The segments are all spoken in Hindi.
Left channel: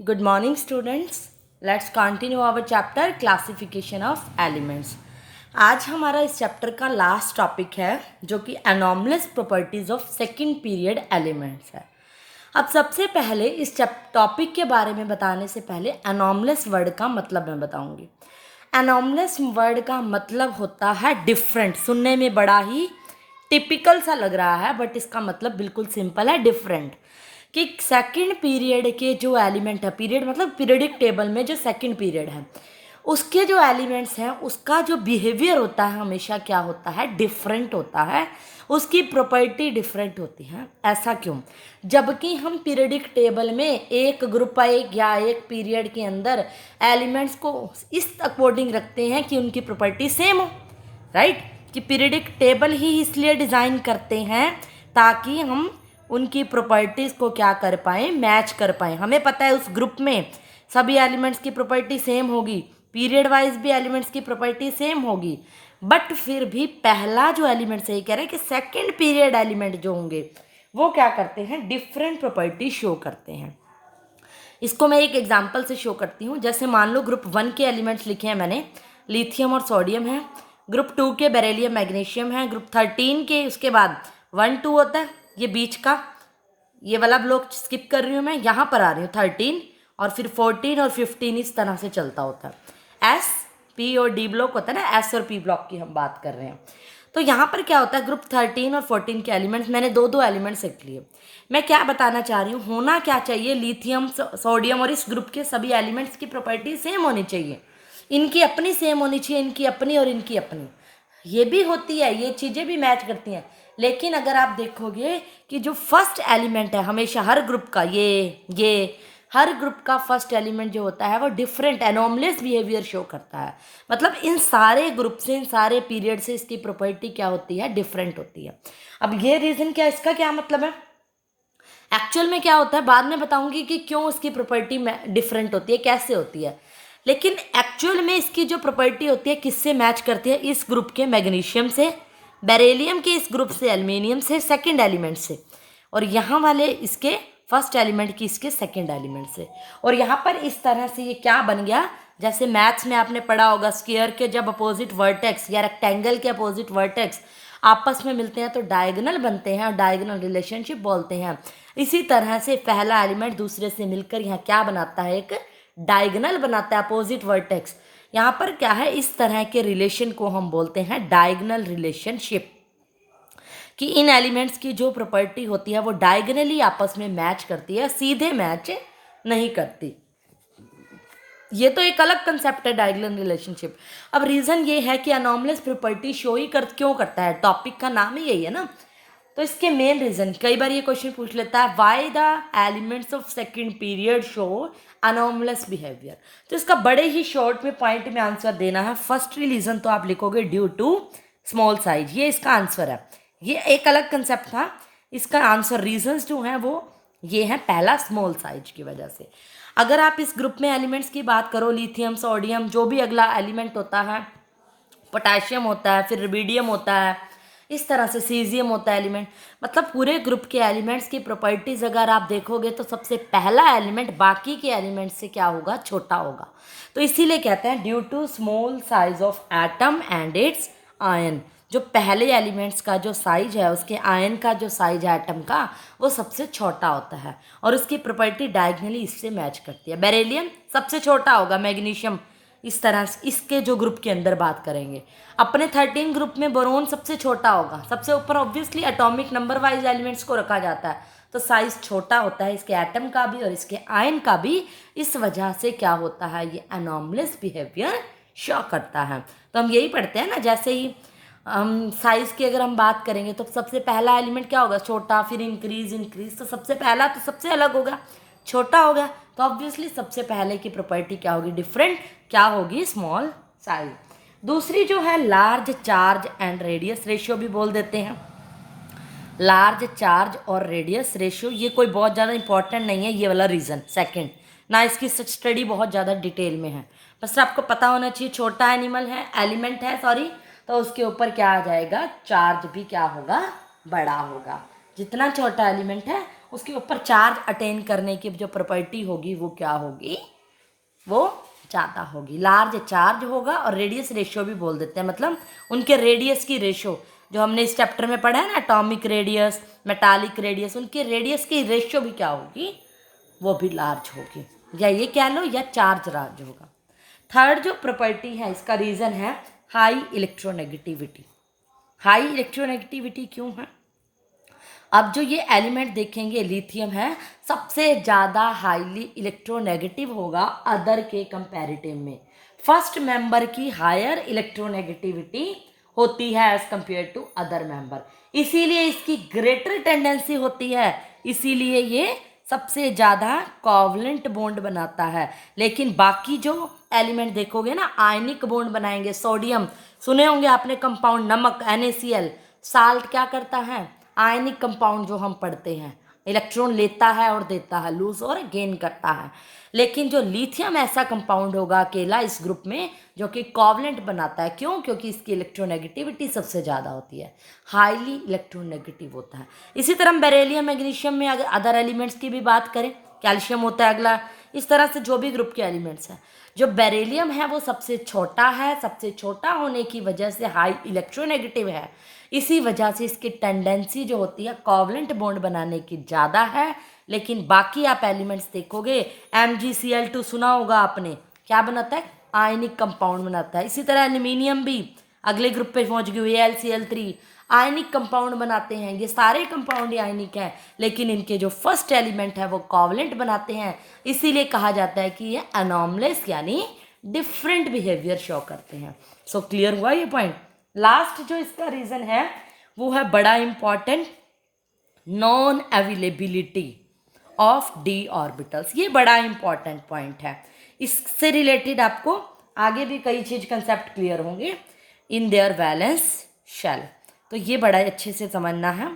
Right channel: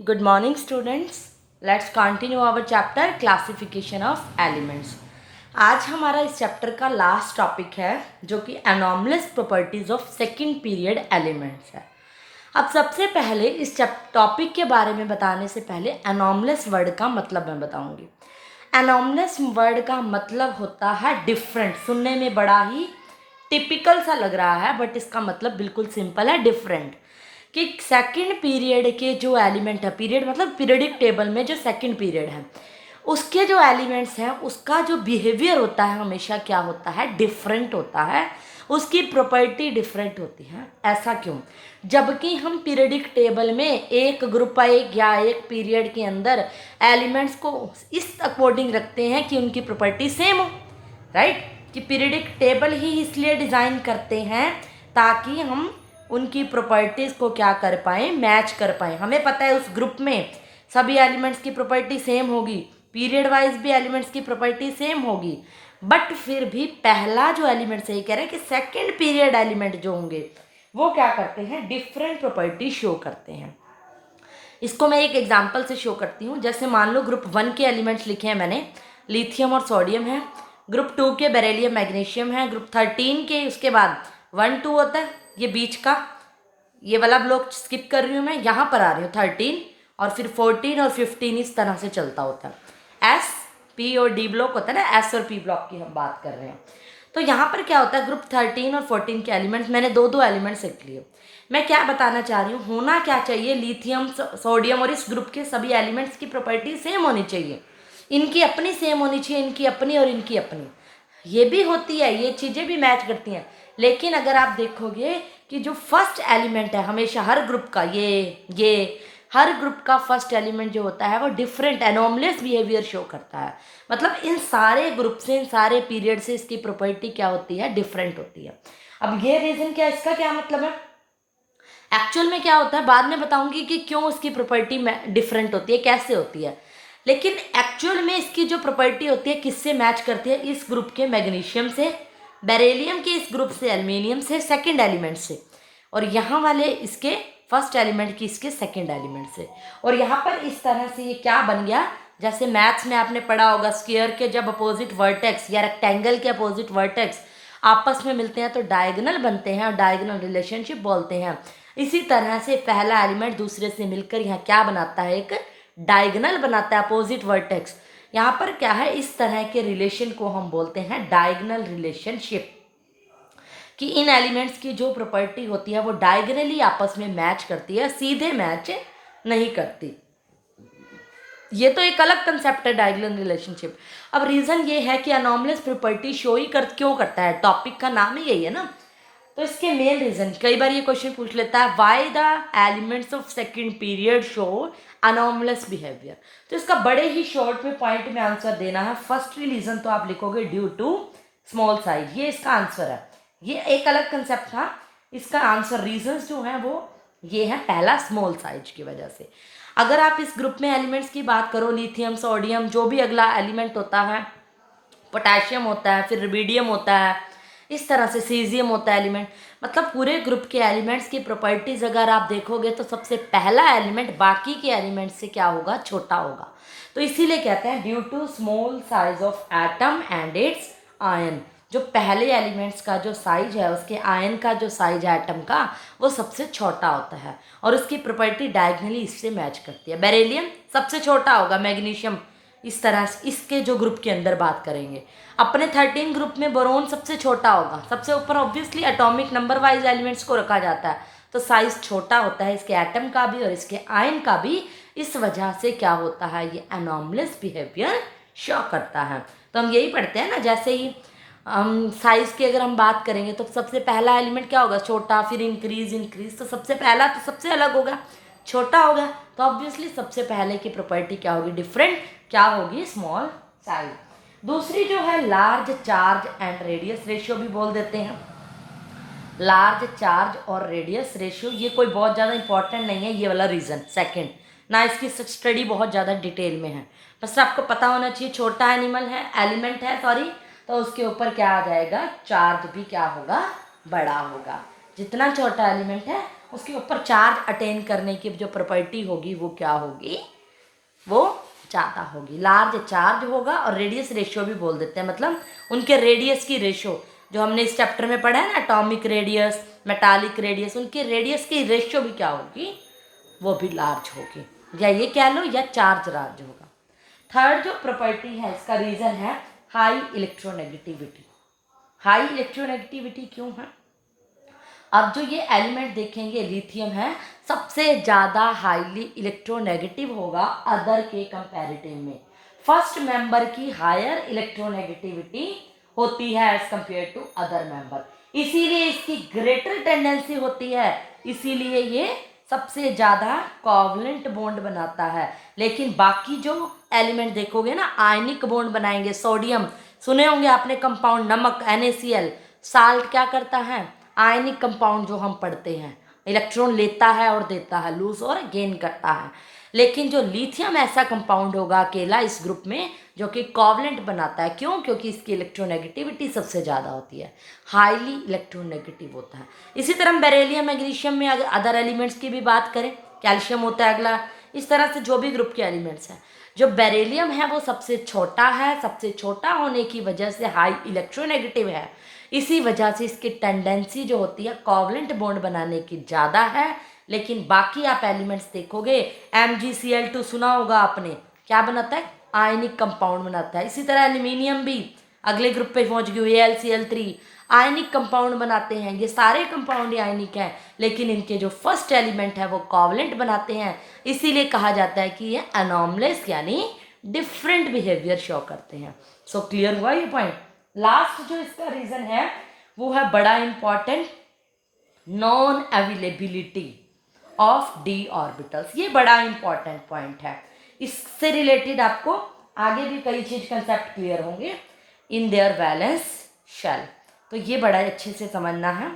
Good morning, students. Let's continue our chapter classification of elements. आज हमारा इस चैप्टर का लास्ट टॉपिक है जो कि anomalous properties of second period elements है। अब सबसे पहले इस टॉपिक के बारे में बताने से पहले एनॉमलस वर्ड का मतलब मैं बताऊंगी। एनॉमलस वर्ड का मतलब होता है डिफरेंट। सुनने में बड़ा ही टिपिकल सा लग रहा है बट इसका मतलब बिल्कुल सिंपल है, डिफरेंट। कि सेकंड पीरियड के जो एलिमेंट है, पीरियड मतलब पीरियडिक टेबल में जो सेकंड पीरियड है उसके जो एलिमेंट्स हैं उसका जो बिहेवियर होता है हमेशा क्या होता है, डिफरेंट होता है। उसकी प्रॉपर्टी डिफरेंट होती है। ऐसा क्यों? जबकि हम पीरियडिक टेबल में एक ग्रुप या एक पीरियड के अंदर एलिमेंट्स को इस अकॉर्डिंग रखते हैं कि उनकी प्रॉपर्टी सेम हो, राइट। कि पीरियडिक टेबल ही इसलिए डिज़ाइन करते हैं ताकि हम उनकी प्रॉपर्टीज़ को क्या कर पाएँ, मैच कर पाएँ। हमें पता है उस ग्रुप में सभी एलिमेंट्स की प्रॉपर्टी सेम होगी, पीरियड वाइज भी एलिमेंट्स की प्रॉपर्टी सेम होगी, बट फिर भी पहला जो एलिमेंट सही कह रहे हैं कि सेकंड पीरियड एलिमेंट जो होंगे वो क्या करते हैं, डिफरेंट प्रॉपर्टी शो करते हैं। इसको मैं एक एग्जांपल से शो करती हूँ। जैसे मान लो ग्रुप 1 के एलिमेंट्स लिखे हैं मैंने, लिथियम और सोडियम है। ग्रुप 2 के बेरिलियम मैग्नीशियम है। ग्रुप 13 के उसके बाद 1 2 होता है, ये बीच का, ये वाला ब्लॉक स्किप कर रही हूँ मैं, यहाँ पर आ रही हूँ 13 और फिर 14 और 15 इस तरह से चलता होता है। एस पी और डी ब्लॉक होता है ना, एस और पी ब्लॉक की हम बात कर रहे हैं। तो यहाँ पर क्या होता है, ग्रुप 13 और 14 के एलिमेंट्स, मैंने दो दो एलिमेंट्स रख लिए। मैं क्या बताना चाह रही हूँ, होना क्या चाहिए, लिथियम सोडियम और इस ग्रुप के सभी एलिमेंट्स की प्रॉपर्टी सेम होनी चाहिए। इनकी अपनी सेम होनी चाहिए, इनकी अपनी और इनकी अपनी। ये भी होती है, ये चीज़ें भी मैच करती हैं। लेकिन अगर आप देखोगे कि जो फर्स्ट एलिमेंट है हमेशा हर ग्रुप का, ये हर ग्रुप का फर्स्ट एलिमेंट जो होता है वो डिफरेंट एनॉमलस बिहेवियर शो करता है। मतलब इन सारे ग्रुप से, इन सारे पीरियड से इसकी प्रॉपर्टी क्या होती है, डिफरेंट होती है। अब ये रीज़न क्या, इसका क्या मतलब है, एक्चुअल में क्या होता है बाद में बताऊंगी कि क्यों उसकी प्रॉपर्टी डिफरेंट होती है, कैसे होती है। लेकिन एक्चुअल में इसकी जो प्रॉपर्टी होती है किससे मैच करती है, इस ग्रुप के मैग्नीशियम से, बेरिलियम के इस ग्रुप से एल्युमिनियम से, सेकंड एलिमेंट से, और यहाँ वाले इसके फर्स्ट एलिमेंट की इसके सेकंड एलिमेंट से। और यहाँ पर इस तरह से ये क्या बन गया, जैसे मैथ्स में आपने पढ़ा होगा स्क्वायर के जब अपोजिट वर्टेक्स या रेक्टेंगल के अपोजिट वर्टेक्स आपस में मिलते हैं तो डायगोनल बनते हैं और डायगोनल रिलेशनशिप बोलते हैं। इसी तरह से पहला एलिमेंट दूसरे से मिलकर यहाँ क्या बनाता है, एक डायगोनल बनाता है, अपोजिट वर्टेक्स। यहाँ पर क्या है, इस तरह के रिलेशन को हम बोलते हैं डायगोनल रिलेशनशिप। कि इन एलिमेंट्स की जो प्रॉपर्टी होती है वो डायगोनली आपस में मैच करती है, सीधे मैच नहीं करती। ये तो एक अलग कंसेप्ट है डायगोनल रिलेशनशिप। अब रीज़न ये है कि अनॉमलस प्रॉपर्टी शो ही क्यों करता है, टॉपिक का नाम ही यही है ना। तो इसके मेन रीज़न, कई बार ये क्वेश्चन पूछ लेता है, why the elements of second period show anomalous behaviour. तो इसका बड़े ही शॉर्ट में पॉइंट में आंसर देना है। फर्स्ट रीज़न तो आप लिखोगे ड्यू टू स्मॉल साइज, ये इसका आंसर है। ये एक अलग कंसेप्ट था, इसका आंसर रीजंस जो हैं वो ये है, पहला स्मॉल साइज की वजह से। अगर आप इस ग्रुप में एलिमेंट्स की बात करो, लिथियम सोडियम जो भी अगला एलिमेंट होता है, पोटेशियम होता है, फिर रुबिडियम होता है, इस तरह से सीजियम होता है एलिमेंट। मतलब पूरे ग्रुप के एलिमेंट्स की प्रॉपर्टीज अगर आप देखोगे तो सबसे पहला एलिमेंट बाकी के एलिमेंट से क्या होगा, छोटा होगा। तो इसीलिए कहते हैं due to small size of atom and its ion. जो पहले एलिमेंट्स का जो साइज है, उसके आयन का जो साइज है एटम का, वो सबसे छोटा होता है और उसकी प्रॉपर्टी डायगोनली इससे मैच करती है। बेरिलियम सबसे छोटा होगा, मैग्नीशियम इस तरह से, इसके जो ग्रुप के अंदर बात करेंगे। अपने 13 ग्रुप में बोरोन सबसे छोटा होगा, सबसे ऊपर obviously atomic number wise elements को रखा जाता है तो साइज छोटा होता है इसके एटम का भी और इसके आयन का भी। इस वजह से क्या होता है, ये एनॉमलस बिहेवियर शो करता है। तो हम यही पढ़ते हैं ना, जैसे ही हम साइज की अगर हम बात करेंगे तो सबसे पहला एलिमेंट क्या होगा, छोटा, फिर इंक्रीज, तो सबसे पहला तो सबसे अलग होगा, छोटा होगा। तो ऑब्वियसली सबसे पहले की प्रॉपर्टी क्या होगी, डिफरेंट, क्या होगी, स्मॉल साइज। दूसरी जो है large charge and radius ratio भी बोल देते हैं। लार्ज चार्ज और रेडियस रेशियो ये कोई बहुत ज़्यादा इंपॉर्टेंट नहीं है, ये वाला रीज़न सेकंड ना, इसकी स्टडी बहुत ज़्यादा डिटेल में है। बस आपको पता होना चाहिए छोटा एलिमेंट है सॉरी, तो उसके ऊपर क्या आ जाएगा, चार्ज भी क्या होगा, बड़ा होगा। जितना छोटा एलिमेंट है उसके ऊपर चार्ज अटेन करने की जो प्रॉपर्टी होगी वो क्या होगी, वो ज़्यादा होगी, लार्ज चार्ज होगा। और रेडियस रेशियो भी बोल देते हैं, मतलब उनके रेडियस की रेशियो जो हमने इस चैप्टर में पढ़ा है ना, एटॉमिक रेडियस, मेटालिक रेडियस, उनके रेडियस की रेशियो भी क्या होगी, वो भी लार्ज होगी, या ये कह लो या चार्ज लार्ज होगा। थर्ड जो प्रॉपर्टी है, इसका रीज़न है हाई इलेक्ट्रोनेगेटिविटी। हाई इलेक्ट्रोनेगेटिविटी क्यों है? अब जो ये एलिमेंट देखेंगे लिथियम है, सबसे ज़्यादा हाईली इलेक्ट्रोनेगेटिव होगा अदर के कंपैरेटिव में। फर्स्ट मेंबर की हायर इलेक्ट्रोनेगेटिविटी होती है as compare to other member, इसीलिए इसकी ग्रेटर टेंडेंसी होती है, इसीलिए ये सबसे ज़्यादा कोवलेंट बॉन्ड बनाता है। लेकिन बाकी जो एलिमेंट देखोगे ना, आयनिक बॉन्ड बनाएंगे। सोडियम सुने होंगे आपने, कंपाउंड नमक NaCl, साल्ट क्या करता है, आयनिक कंपाउंड जो हम पढ़ते हैं, इलेक्ट्रॉन लेता है और देता है, लूज और गेन करता है। लेकिन जो लिथियम ऐसा कंपाउंड होगा अकेला इस ग्रुप में जो कि कोवलेंट बनाता है। क्यों? क्योंकि इसकी इलेक्ट्रोनेगेटिविटी सबसे ज़्यादा होती है, हाईली इलेक्ट्रोनेगेटिव होता है। इसी तरह बेरिलियम मैग्नीशियम में अगर अदर एलिमेंट्स की भी बात करें, कैल्शियम होता है अगला, इस तरह से जो भी ग्रुप के एलिमेंट्स हैं, जो बेरिलियम है वो सबसे छोटा है, सबसे छोटा होने की वजह से हाई इलेक्ट्रोनेगेटिव है, इसी वजह से इसकी टेंडेंसी जो होती है कोवलेंट बॉन्ड बनाने की ज़्यादा है। लेकिन बाकी आप एलिमेंट्स देखोगे, MgCl2 सुना होगा आपने, क्या बनाता है, आयनिक कंपाउंड बनाता है। इसी तरह एल्यूमिनियम भी अगले ग्रुप पे पहुंच गई, AlCl3 आयनिक कंपाउंड बनाते हैं। ये सारे कंपाउंड आयनिक हैं, लेकिन इनके जो फर्स्ट एलिमेंट है वो कोवलेंट बनाते हैं, इसीलिए कहा जाता है कि ये एनॉमलेस यानी डिफरेंट बिहेवियर शो करते हैं। सो क्लियर हुआ ये पॉइंट। लास्ट जो इसका रीज़न है वो है बड़ा important, non availability of D orbitals. ये बड़ा इंपॉर्टेंट पॉइंट है, इससे रिलेटेड आपको आगे भी कई चीज कंसेप्ट क्लियर होंगे इन देयर वैलेंस शेल, तो ये बड़ा अच्छे से समझना है।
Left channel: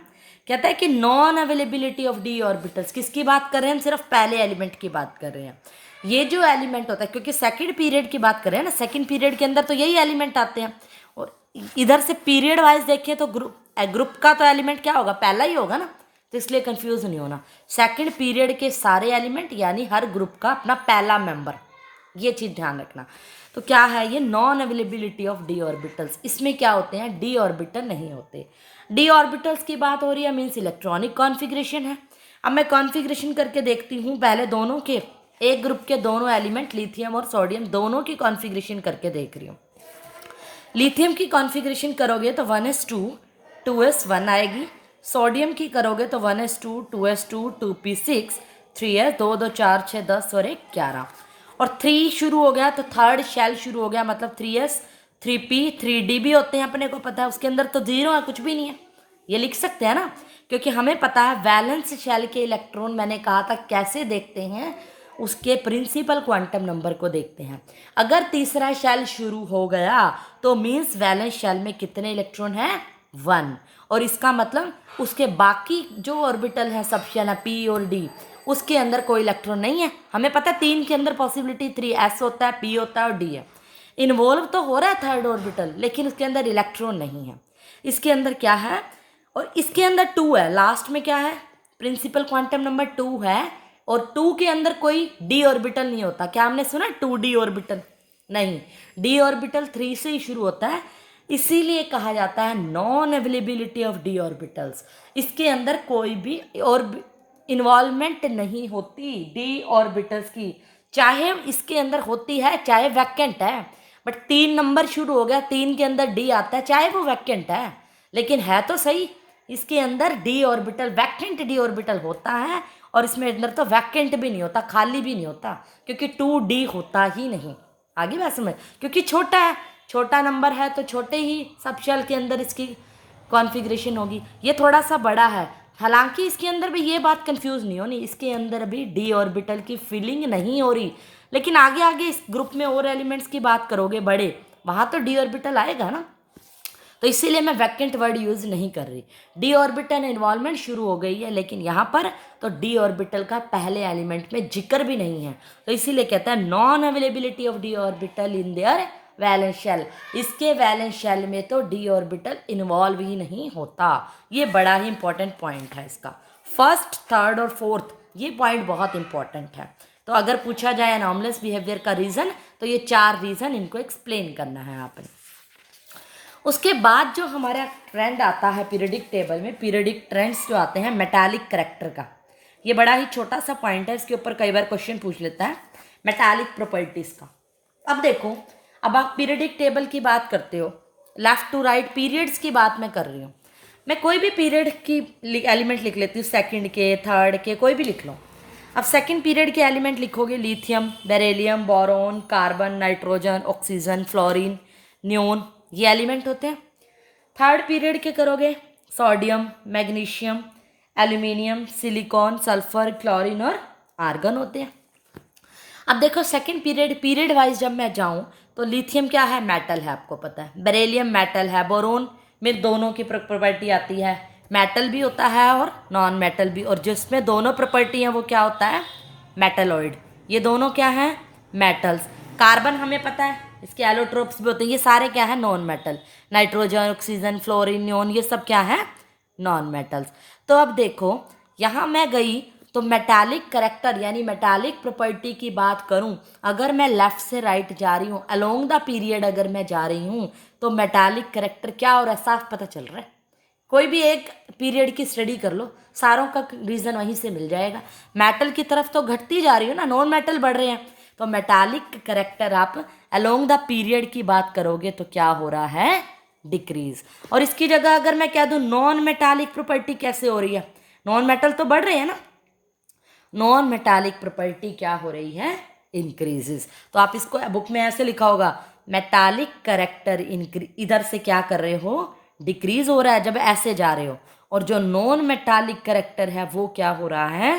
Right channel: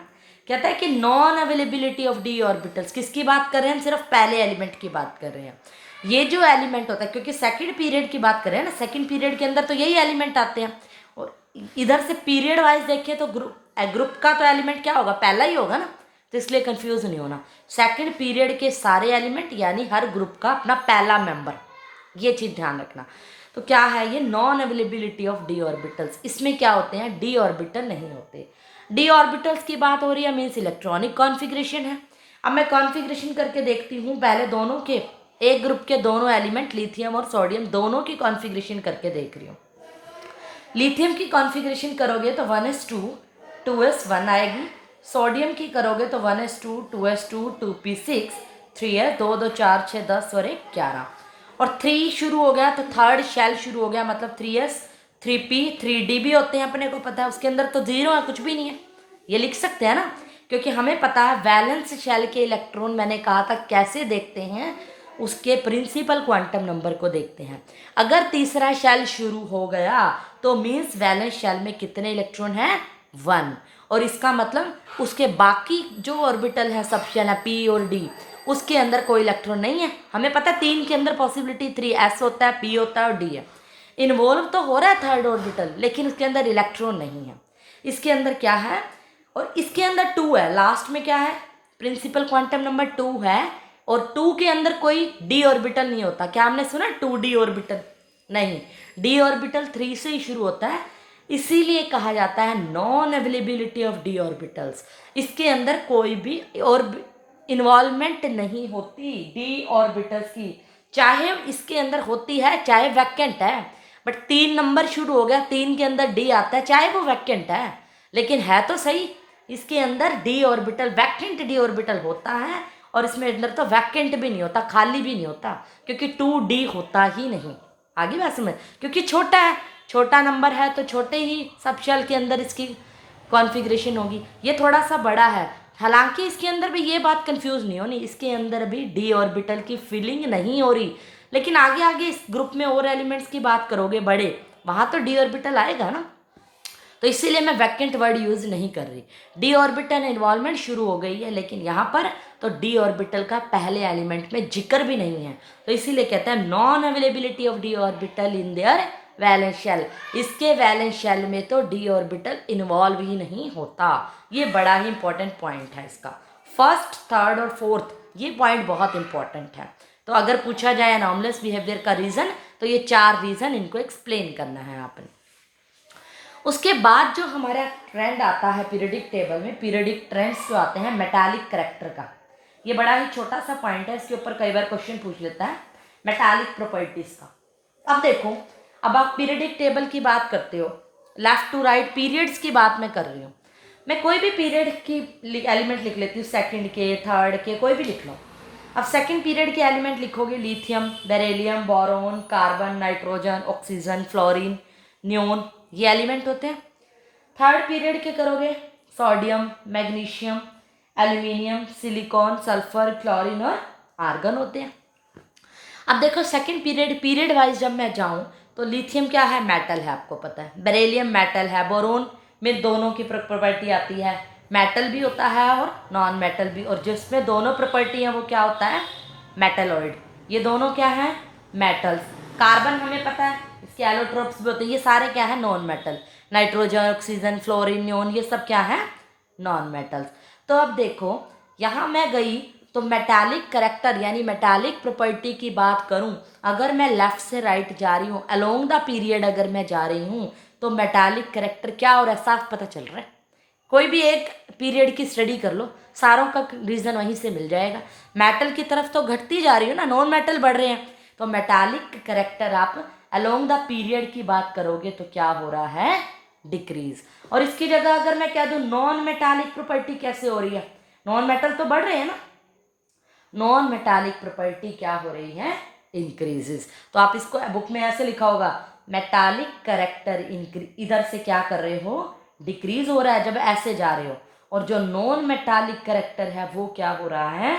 कहता है कि non availability of D orbitals, किसकी बात कर रहे हैं हम, सिर्फ पहले एलिमेंट की बात कर रहे हैं। ये जो एलिमेंट होता है, क्योंकि सेकंड पीरियड की बात कर रहे हैं ना, सेकंड पीरियड के अंदर तो यही एलिमेंट आते हैं, और इधर से पीरियड वाइज देखें तो ग्रुप का तो एलिमेंट क्या होगा, पहला ही होगा ना, तो इसलिए कंफ्यूज नहीं होना। सेकंड पीरियड के सारे एलिमेंट यानी हर ग्रुप का अपना पहला मेंबर, ये चीज़ ध्यान रखना। तो क्या है ये non availability of D orbitals, इसमें क्या होते हैं, डी ऑर्बिटल नहीं होते। डी ऑर्बिटल्स की बात हो रही है, मीन्स इलेक्ट्रॉनिक कॉन्फ़िगरेशन है। अब मैं कॉन्फ़िगरेशन करके देखती हूँ, पहले दोनों के, एक ग्रुप के दोनों एलिमेंट लिथियम और सोडियम दोनों की कॉन्फ़िगरेशन करके देख रही हूँ। लिथियम की कॉन्फ़िगरेशन करोगे तो 1s2 2s1 आएगी, सोडियम की करोगे तो 1s2 2s2 2p6 3s 2 2 4 6 10 और 1 11, और 3 शुरू हो गया तो थर्ड शेल शुरू हो गया, मतलब 3s 3p 3d भी होते हैं, अपने को पता है। उसके अंदर तो जीरो है, कुछ भी नहीं है, ये लिख सकते हैं ना, क्योंकि हमें पता है वैलेंस शेल के इलेक्ट्रॉन, मैंने कहा था कैसे देखते हैं, उसके प्रिंसिपल क्वांटम नंबर को देखते हैं। अगर तीसरा शेल शुरू हो गया तो मीन्स वैलेंस शेल में कितने इलेक्ट्रॉन हैं, 1, और इसका मतलब उसके बाकी जो ऑर्बिटल है सब शेल है p और d, उसके अंदर कोई इलेक्ट्रॉन नहीं है। हमें पता है 3 के अंदर पॉसिबिलिटी 3s होता है, p होता है और d है। इन्वॉल्व तो हो रहा है थर्ड ऑर्बिटल, लेकिन उसके अंदर इलेक्ट्रॉन नहीं है। इसके अंदर क्या है, और इसके अंदर 2 है, लास्ट में क्या है, प्रिंसिपल क्वांटम नंबर 2 है, और 2 के अंदर कोई डी ऑर्बिटल नहीं होता। क्या हमने सुना 2d ऑर्बिटल, नहीं, डी ऑर्बिटल 3 से ही शुरू होता है, इसीलिए कहा जाता है non availability of D orbitals. इसके अंदर कोई भी और इन्वॉल्वमेंट नहीं होती डी ऑर्बिटल्स की, चाहे इसके अंदर होती है चाहे वैकेंट है, बट 3 नंबर शुरू हो गया, 3 के अंदर डी आता है, चाहे वो वैकेंट है, लेकिन है तो सही, इसके अंदर D orbital, vacant D orbital होता है, और इसमें अंदर तो वैकेंट भी नहीं होता, खाली भी नहीं होता, क्योंकि 2d होता ही नहीं। आगे बात समझ, क्योंकि छोटा है, छोटा नंबर है तो छोटे ही सब शेल के अंदर इसकी कॉन्फ़िगरेशन होगी। ये थोड़ा सा बड़ा है, हालांकि इसके अंदर भी ये बात कंफ्यूज नहीं होनी, इसके अंदर भी डी ऑर्बिटल की फीलिंग नहीं हो रही, लेकिन आगे आगे इस ग्रुप में और एलिमेंट्स की बात करोगे बड़े, वहाँ तो डी ऑर्बिटल आएगा ना, तो इसीलिए मैं वैकेंट वर्ड यूज़ नहीं कर रही। डी ऑर्बिटल इन्वॉल्वमेंट शुरू हो गई है, लेकिन यहाँ पर तो डी ऑर्बिटल का पहले एलिमेंट में जिक्र भी नहीं है, तो इसीलिए कहते हैं non availability of D orbital in their valence shell. इसके वैलेंस शेल में तो डी ऑर्बिटल इन्वॉल्व ही नहीं होता। ये बड़ा ही इंपॉर्टेंट पॉइंट है इसका। फर्स्ट, थर्ड और फोर्थ, ये पॉइंट बहुत इंपॉर्टेंट है। तो अगर पूछा जाए एनॉमलस बिहेवियर का रीज़न, तो ये 4 रीज़न इनको एक्सप्लेन करना है आपने। उसके बाद जो हमारा ट्रेंड आता है पीरियडिक टेबल में, पीरियडिक ट्रेंड्स जो आते हैं मेटालिक करैक्टर का, ये बड़ा ही छोटा सा पॉइंट है, इसके ऊपर कई बार क्वेश्चन पूछ लेता है मेटालिक प्रॉपर्टीज़ का। अब देखो, अब आप पीरियडिक टेबल की बात करते हो, लेफ्ट टू राइट पीरियड्स की बात मैं कर रही हूँ। मैं कोई भी पीरियड की एलिमेंट लिख लेती हूँ, सेकंड के, थर्ड के, कोई भी लिख लो। अब सेकंड पीरियड के एलिमेंट लिखोगे, lithium, beryllium, boron, carbon, nitrogen, oxygen, fluorine, neon, ये एलिमेंट होते हैं। थर्ड पीरियड के करोगे, sodium, magnesium, aluminium, silicon, sulphur, chlorine और आर्गन होते हैं। अब देखो सेकंड पीरियड वाइज जब मैं जाऊं, तो लिथियम क्या है, मेटल है, आपको पता है। बेरिलियम मेटल है। बोरोन में दोनों की प्रॉपर्टी आती है, मेटल भी होता है और नॉन मेटल भी, और जिसमें दोनों प्रॉपर्टी हैं वो क्या होता है, मेटलॉइड। ये दोनों क्या है, मेटल्स। कार्बन हमें पता है, इसके एलोट्रोप्स भी होते हैं, ये सारे क्या है, non metal. Nitrogen, oxygen, fluorine, neon, ये सब क्या है, नॉन मेटल्स। तो अब देखो यहाँ मैं गई तो मेटालिक करेक्टर यानी मेटालिक प्रॉपर्टी की बात करूं, अगर मैं लेफ्ट से राइट जा रही हूँ, अलोंग द पीरियड अगर मैं जा रही हूँ, तो मेटालिक करेक्टर क्या और साफ पता चल रहा है। कोई भी एक पीरियड की स्टडी कर लो, सारों का रीज़न वहीं से मिल जाएगा। मेटल की तरफ तो घटती जा रही हो ना, नॉन मेटल बढ़ रहे हैं, तो मेटालिक करेक्टर आप अलोंग द पीरियड की बात करोगे तो क्या हो रहा है, डिक्रीज। और इसकी जगह अगर मैं कह दूं नॉन मेटालिक प्रॉपर्टी कैसे हो रही है, नॉन मेटल तो बढ़ रहे हैं ना, नॉन मेटालिक प्रॉपर्टी क्या हो रही है, इंक्रीजेस। तो आप इसको बुक में ऐसे लिखा होगा, मेटालिक करेक्टर इधर से क्या कर रहे हो, डिक्रीज हो रहा है जब ऐसे जा रहे हो, और जो नॉन मेटालिक करेक्टर है वो क्या हो रहा है,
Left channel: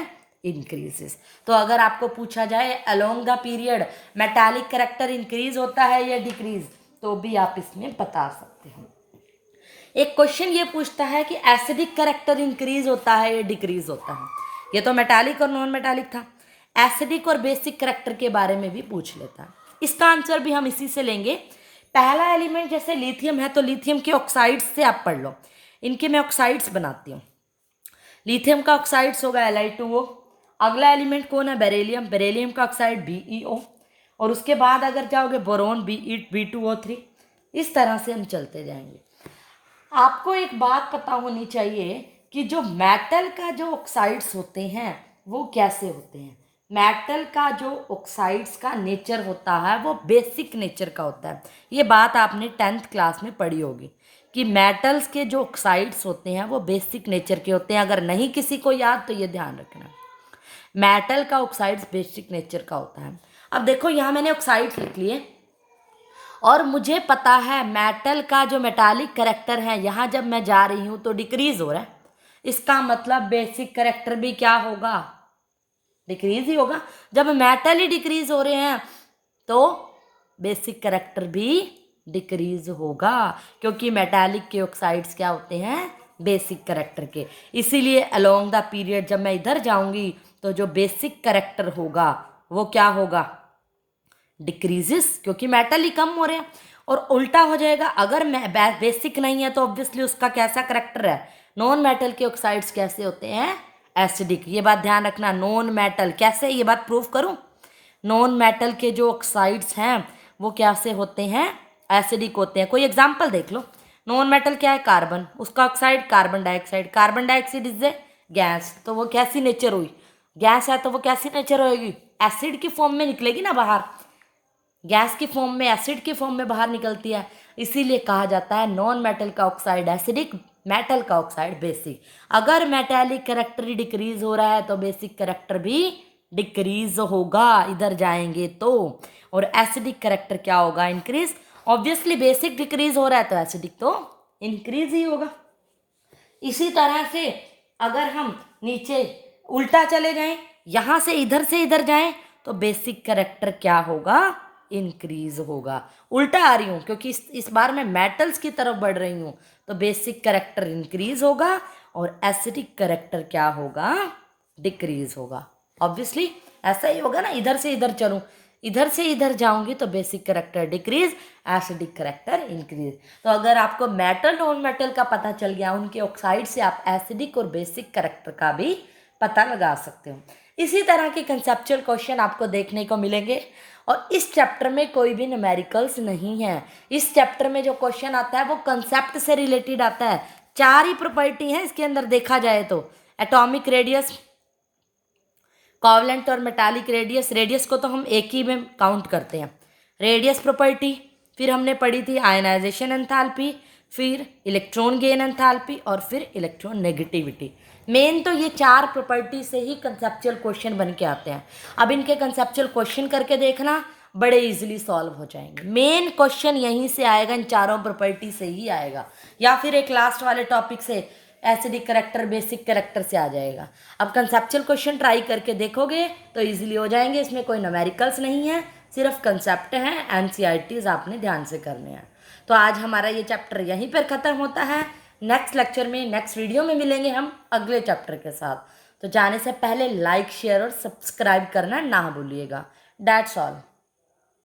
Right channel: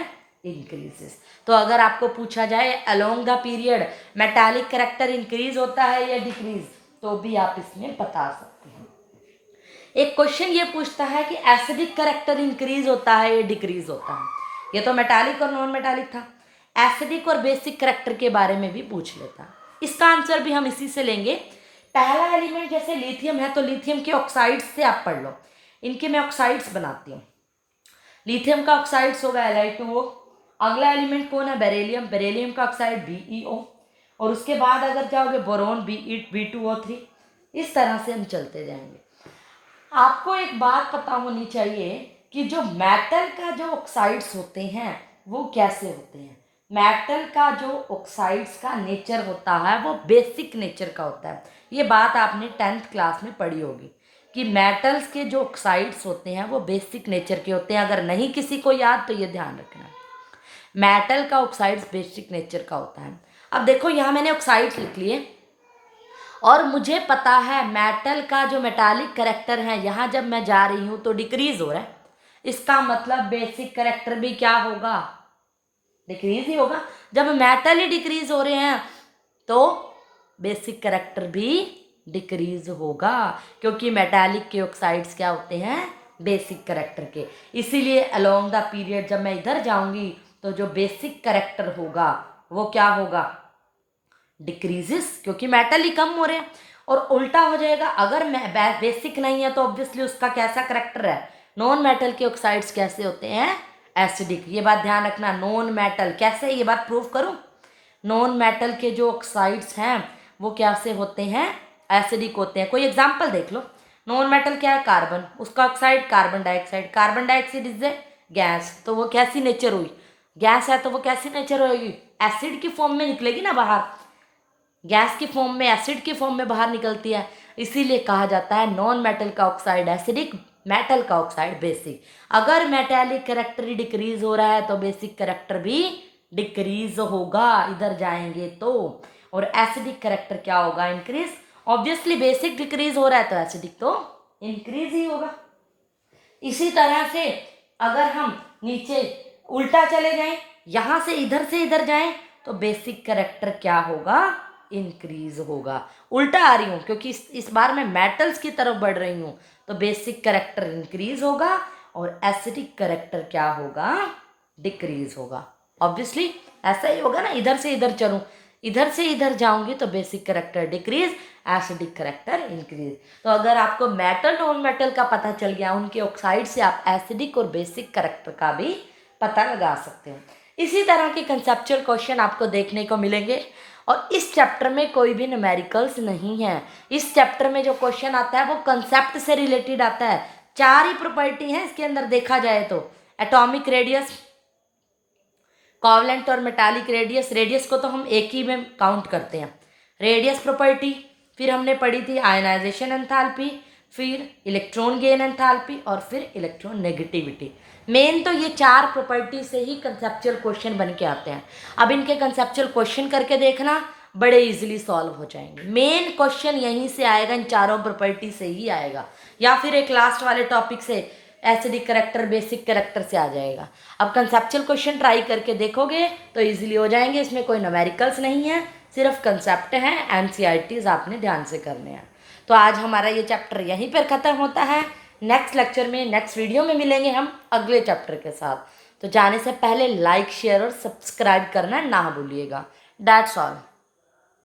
इंक्रीजेस। तो अगर आपको पूछा जाए along the period metallic character increase होता है या डिक्रीज, तो भी आप इसमें बता सकते हैं। एक क्वेश्चन ये पूछता है कि एसिडिक करेक्टर इंक्रीज होता है या डिक्रीज होता है, ये तो मेटालिक और नॉन मेटालिक था। एसिडिक और बेसिक करेक्टर के बारे में भी पूछ लेता, इसका आंसर भी हम इसी से लेंगे। पहला एलिमेंट जैसे लिथियम है, तो लिथियम के ऑक्साइड्स से आप पढ़ लो, इनके मैं ऑक्साइड्स बनाती हूँ। लिथियम का ऑक्साइड्स होगा Li2O। अगला एलिमेंट कौन है, बेरिलियम, बेरिलियम का ऑक्साइड BeO, और उसके बाद अगर जाओगे बोरोन B2O3। इस तरह से हम चलते जाएंगे। आपको एक बात पता होनी चाहिए कि जो मेटल का जो ऑक्साइड्स होते हैं वो कैसे होते हैं। मेटल का जो ऑक्साइड्स का नेचर होता है वो बेसिक नेचर का होता है। ये बात आपने 10th क्लास में पढ़ी होगी कि मेटल्स के जो ऑक्साइड्स होते हैं वो बेसिक नेचर के होते हैं। अगर नहीं किसी को याद तो ये ध्यान रखना, मेटल का ऑक्साइड्स बेसिक नेचर का होता है। अब देखो यहाँ मैंने ऑक्साइड्स लिख लिए, और मुझे पता है मेटल का जो मेटालिक करेक्टर है यहाँ जब मैं जा रही हूँ तो डिक्रीज हो रहा है, इसका मतलब बेसिक करेक्टर भी क्या होगा, डिक्रीज ही होगा। जब मेटल ही डिक्रीज हो रहे हैं तो बेसिक करेक्टर भी डिक्रीज होगा, क्योंकि मेटालिक के ऑक्साइड्स क्या होते हैं, बेसिक करेक्टर के। इसीलिए अलोंग द पीरियड जब मैं इधर जाऊंगी तो जो बेसिक करेक्टर होगा वो क्या होगा, डिक्रीजेस, क्योंकि मेटल ही कम हो रहे हैं। और उल्टा हो जाएगा, अगर बेसिक नहीं है तो ऑब्वियसली उसका कैसा करेक्टर है, नॉन मेटल के ऑक्साइड्स कैसे होते हैं, एसिडिक। ये बात ध्यान रखना, नॉन मेटल कैसे, ये बात प्रूव करूं, नॉन मेटल के जो ऑक्साइड्स हैं वो कैसे होते हैं, एसिडिक होते हैं। कोई एग्जाम्पल देख लो, नॉन मेटल क्या है, कार्बन, उसका oxide carbon dioxide, carbon dioxide is a gas, तो वो कैसी नेचर हुई, गैस है तो वो कैसी नेचर होगी, एसिड की फॉर्म में निकलेगी ना बाहर, गैस की फॉर्म में, एसिड की फॉर्म में बाहर निकलती है। इसीलिए कहा जाता है नॉन मेटल का ऑक्साइड एसिडिक, मेटल का ऑक्साइड बेसिक। अगर मेटालिक करेक्टर ही डिक्रीज हो रहा है तो बेसिक करेक्टर भी डिक्रीज होगा इधर जाएंगे तो, और एसिडिक करेक्टर क्या होगा, इंक्रीज। ऑब्वियसली बेसिक डिक्रीज हो रहा है तो एसिडिक तो इंक्रीज ही होगा। इसी तरह से अगर हम नीचे उल्टा चले जाएं, यहाँ से इधर जाएं, तो बेसिक करेक्टर क्या होगा, इंक्रीज होगा। उल्टा आ रही हूँ क्योंकि इस बार मैं मेटल्स की तरफ बढ़ रही हूँ, तो बेसिक करेक्टर इंक्रीज होगा और एसिडिक करेक्टर क्या होगा, डिक्रीज होगा। ऑब्वियसली ऐसा ही होगा ना, इधर से इधर चलूँ, इधर से इधर जाऊंगी तो basic character decrease, acidic character increase. तो अगर आपको मेटल नॉन मेटल का पता चल गया, उनके ऑक्साइड से आप एसिडिक और बेसिक करेक्टर का भी पता लगा सकते हो। इसी तरह के कंसेप्चुअल क्वेश्चन आपको देखने को मिलेंगे। और इस चैप्टर में कोई भी न्यूमेरिकल्स नहीं है। इस चैप्टर में जो क्वेश्चन आता है वो कंसेप्ट से रिलेटेड आता है। 4 ही प्रॉपर्टी हैं इसके अंदर देखा जाए तो, एटॉमिक रेडियस, कोवलेंट और मेटालिक रेडियस। रेडियस को तो हम एक ही में काउंट करते हैं, रेडियस प्रॉपर्टी। फिर हमने पढ़ी थी आयनाइजेशन एंथैल्पी, फिर इलेक्ट्रॉन गेन एंथैल्पी और फिर इलेक्ट्रॉन नेगेटिविटी। मेन तो ये 4 प्रॉपर्टी से ही कंसेप्चुअल क्वेश्चन बन के आते हैं। अब इनके कंसेप्चुअल क्वेश्चन करके देखना, बड़े इजीली सॉल्व हो जाएंगे। मेन क्वेश्चन यहीं से आएगा, इन चारों प्रॉपर्टी से ही आएगा, या फिर एक लास्ट वाले टॉपिक से एसिडिक करेक्टर बेसिक करेक्टर से आ जाएगा। अब कंसेप्चुअल क्वेश्चन ट्राई करके देखोगे तो इजीली हो जाएंगे। इसमें कोई न्यूमेरिकल्स नहीं है, सिर्फ कंसेप्ट हैं, एनसीईआरटीज आपने ध्यान से करने हैं। तो आज हमारा ये चैप्टर यहीं पर ख़त्म होता है। नेक्स्ट लेक्चर में, नेक्स्ट वीडियो में मिलेंगे हम अगले चैप्टर के साथ। तो जाने से पहले लाइक, शेयर और सब्सक्राइब करना ना भूलिएगा। That's all.